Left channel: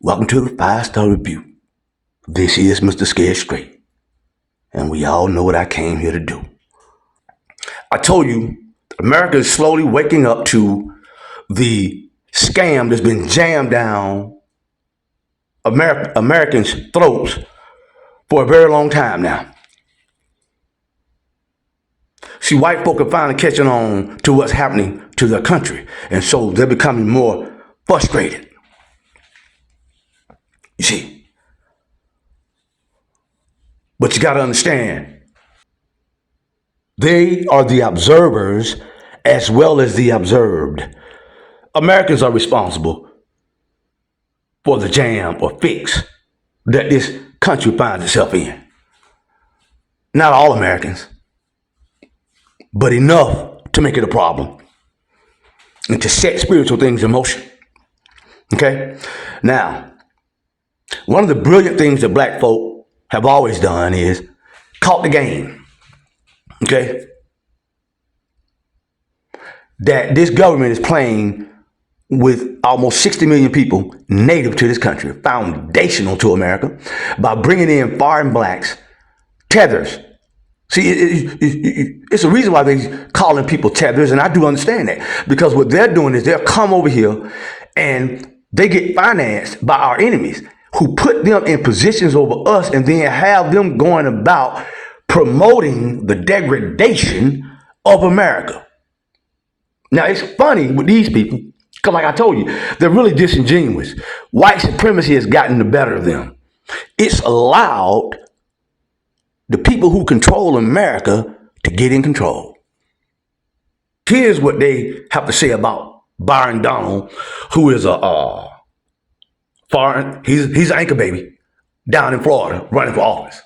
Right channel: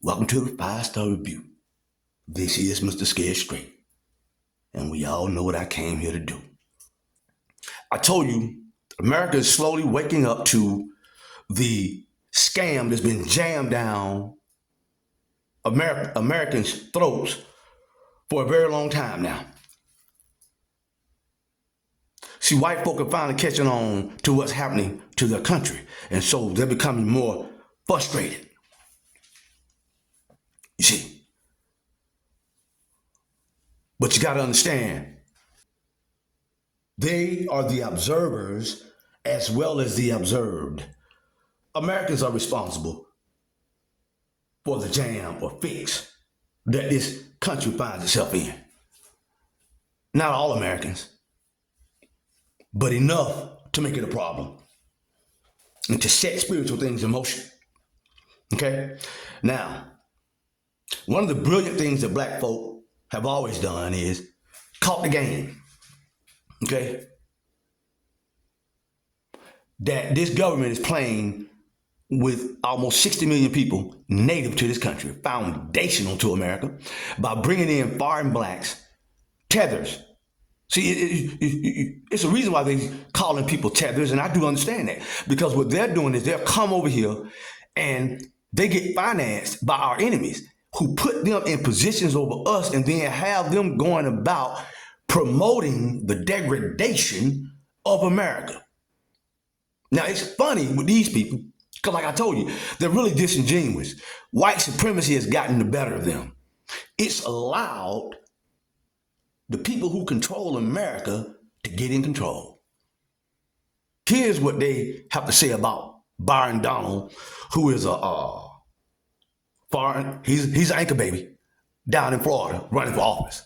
Welcome to the 5-Star Review. This is Mr. Scared Straight, and we all know what I came here to do. I told you, America is slowly waking up to the scam that's been jammed down Americans' throats for a very long time now. See, white folk are finally catching on to what's happening to their country, and so they're becoming more frustrated. You see, but you got to understand, they are the observers as well as the observed. Americans are responsible for the jam or fix that this country finds itself in. Not all Americans, but enough to make it a problem and to set spiritual things in motion. Okay? Now, one of the brilliant things that black folk have always done is caught the game. Okay? That this government is playing with almost 60 million people native to this country, foundational to America, by bringing in foreign blacks, tethers. See, it's a reason why they're calling people tethers, and I do understand that, because what they're doing is they'll come over here and they get financed by our enemies who put them in positions over us and then have them going about promoting the degradation of America. Now, it's funny with these people, because like I told you, they're really disingenuous. White supremacy has gotten the better of them. It's allowed the people who control America to get in control. Here's what they have to say about Byron Donald, who is a foreign, he's an anchor baby down in Florida running for office.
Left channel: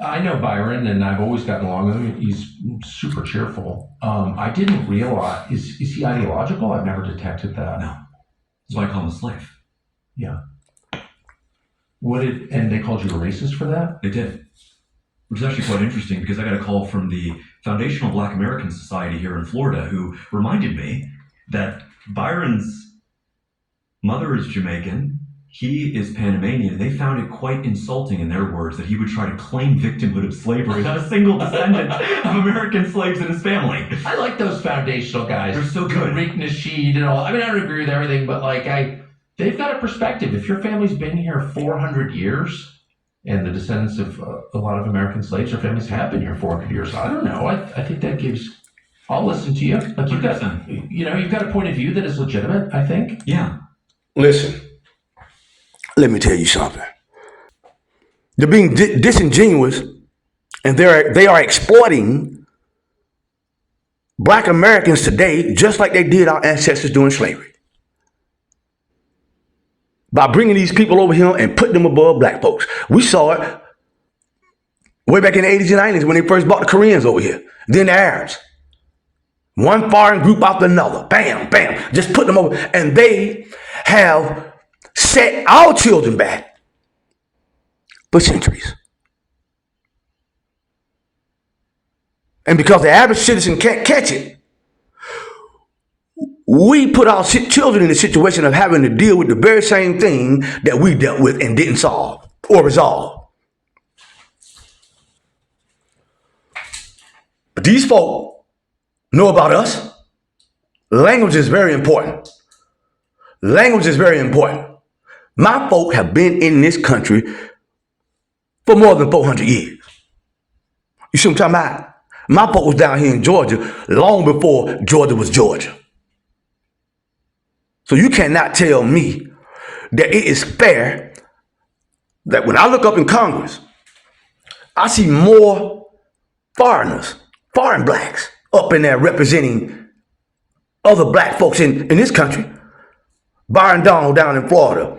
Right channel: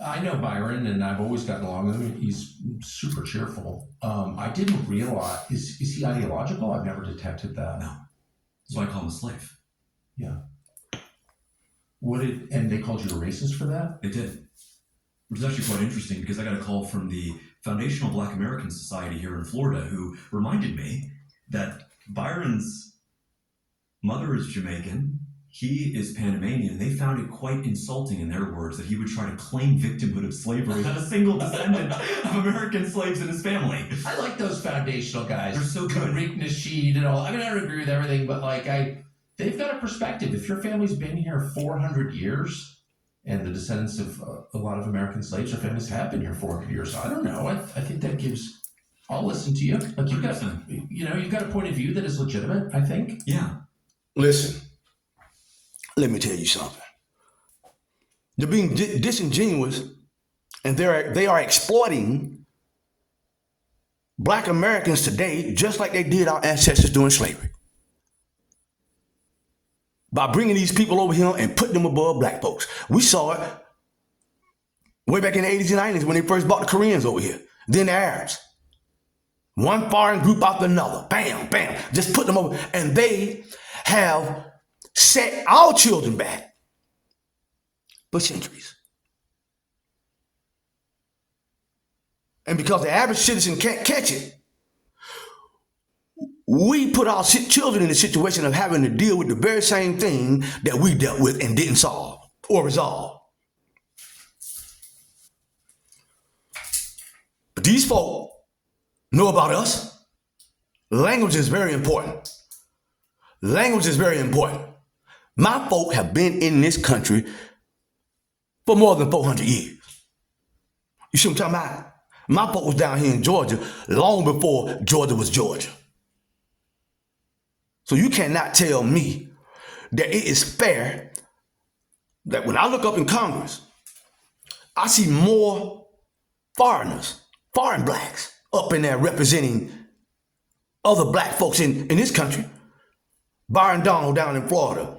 I know Byron, and I've always gotten along with him. He's super cheerful. I didn't realize, is he ideological? I've never detected that. No. That's why I call him a slave. Yeah. And they called you a racist for that? They did. Which is actually quite interesting because I got a call from the Foundational Black American Society here in Florida who reminded me that Byron's mother is Jamaican, he is Panamanian, and they found it quite insulting, in their words, that he would try to claim victimhood of slavery, not a single descendant of American slaves in his family. I like those foundational guys. They're so good. Rick Nasheed and all. I mean, I don't agree with everything, but they've got a perspective. If your family's been here 400 years, and the descendants of a lot of American slaves, their families have been here 400 years, I don't know. I think that gives. I'll listen to you. Like you've got a point of view that is legitimate, I think. Yeah. Listen, let me tell you something. They're being disingenuous, and they are exploiting black Americans today just like they did our ancestors during slavery. By bringing these people over here and putting them above black folks. We saw it way back in the 80s and 90s when they first brought the Koreans over here, then the Arabs. One foreign group after another, bam, bam, just put them over. And they have set our children back for centuries. And because the average citizen can't catch it, we put our children in the situation of having to deal with the very same thing that we dealt with and didn't solve or resolve. But these folk know about us. Language is very important. Language is very important. My folk have been in this country for more than 400 years. You see what I'm talking about? My folk was down here in Georgia long before Georgia was Georgia. So you cannot tell me that it is fair that when I look up in Congress, I see more foreigners, foreign blacks, up in there representing other black folks in this country. Byron Donald down in Florida,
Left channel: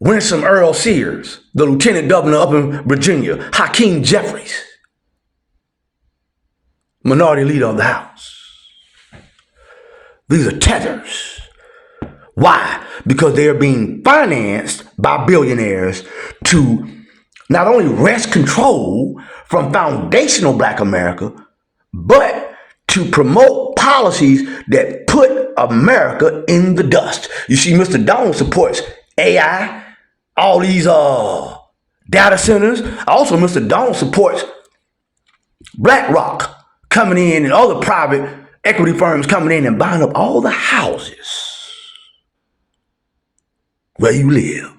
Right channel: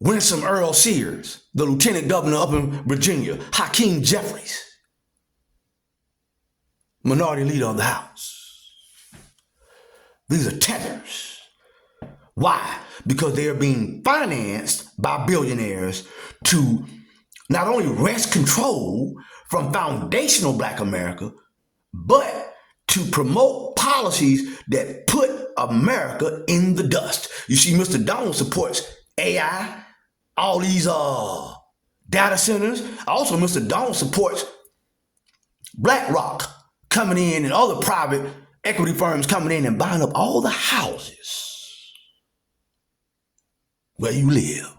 Winsome Earl Sears, the lieutenant governor up in Virginia, Hakeem Jeffries, minority leader of the House. These are tethers. Why? Because they are being financed by billionaires to not only wrest control from foundational black America, but to promote policies that put America in the dust. You see, Mr. Donald supports AI, all these data centers. Also, Mr. Donald supports BlackRock coming in and other private equity firms coming in and buying up all the houses where you live,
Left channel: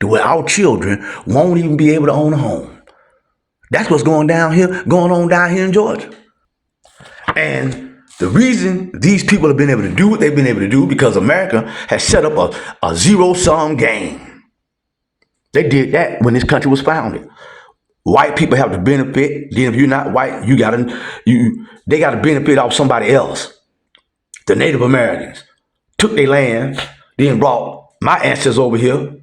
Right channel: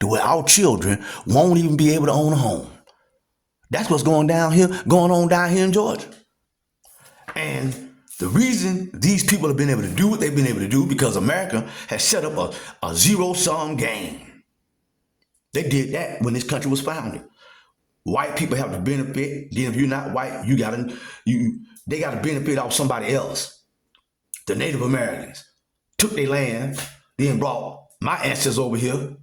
to where our children won't even be able to own a home. That's what's going on down here in Georgia. And the reason these people have been able to do what they've been able to do because America has set up a zero-sum game. They did that when this country was founded. White people have the benefit. Then if you're not white, they got to benefit off somebody else. The Native Americans took their land, then brought my ancestors over here.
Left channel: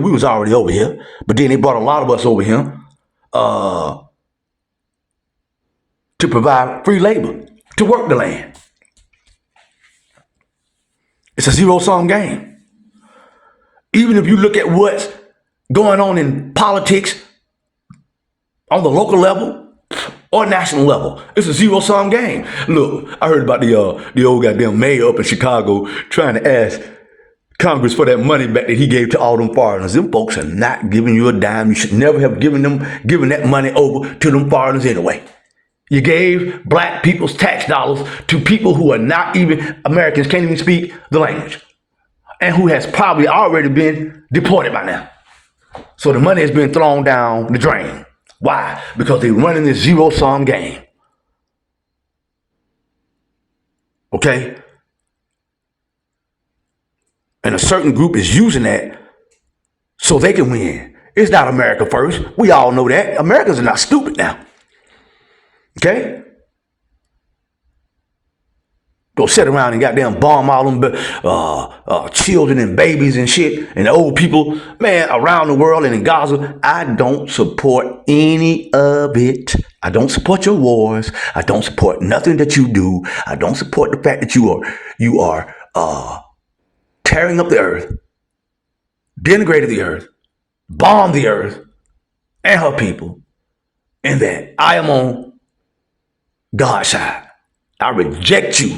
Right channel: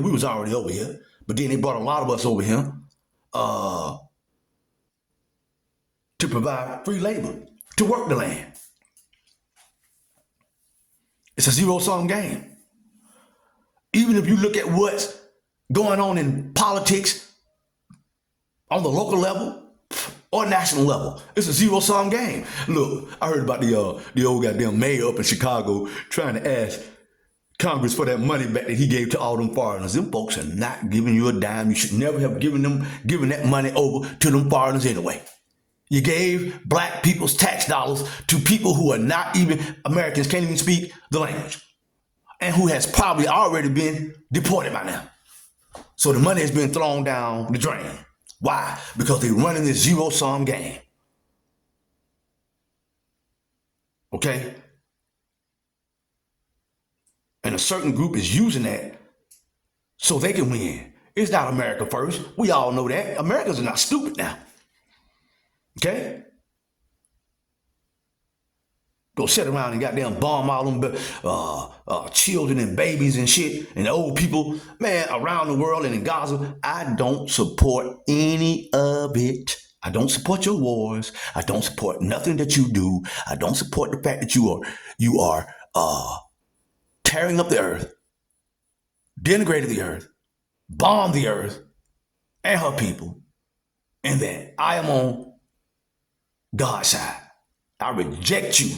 We was already over here, but then they brought a lot of us over here to provide free labor to work the land. It's a zero-sum game. Even if you look at what's going on in politics on the local level or national level, it's a zero-sum game. Look, I heard about the old goddamn mayor up in Chicago trying to ask Congress for that money back that he gave to all them foreigners. Them folks are not giving you a dime. You should never have given that money over to them foreigners anyway. You gave black people's tax dollars to people who are not even Americans, can't even speak the language, and who has probably already been deported by now. So the money has been thrown down the drain. Why? Because they're running this zero-sum game. Okay? And a certain group is using that so they can win. It's not America first. We all know that. Americans are not stupid now. Okay? Go sit around and goddamn bomb all them children and babies and shit and old people, man, around the world and in Gaza. I don't support any of it. I don't support your wars. I don't support nothing that you do. I don't support the fact that you are tearing up the earth, denigrated the earth, bombed the earth and her people, and that I am on God's side. I reject you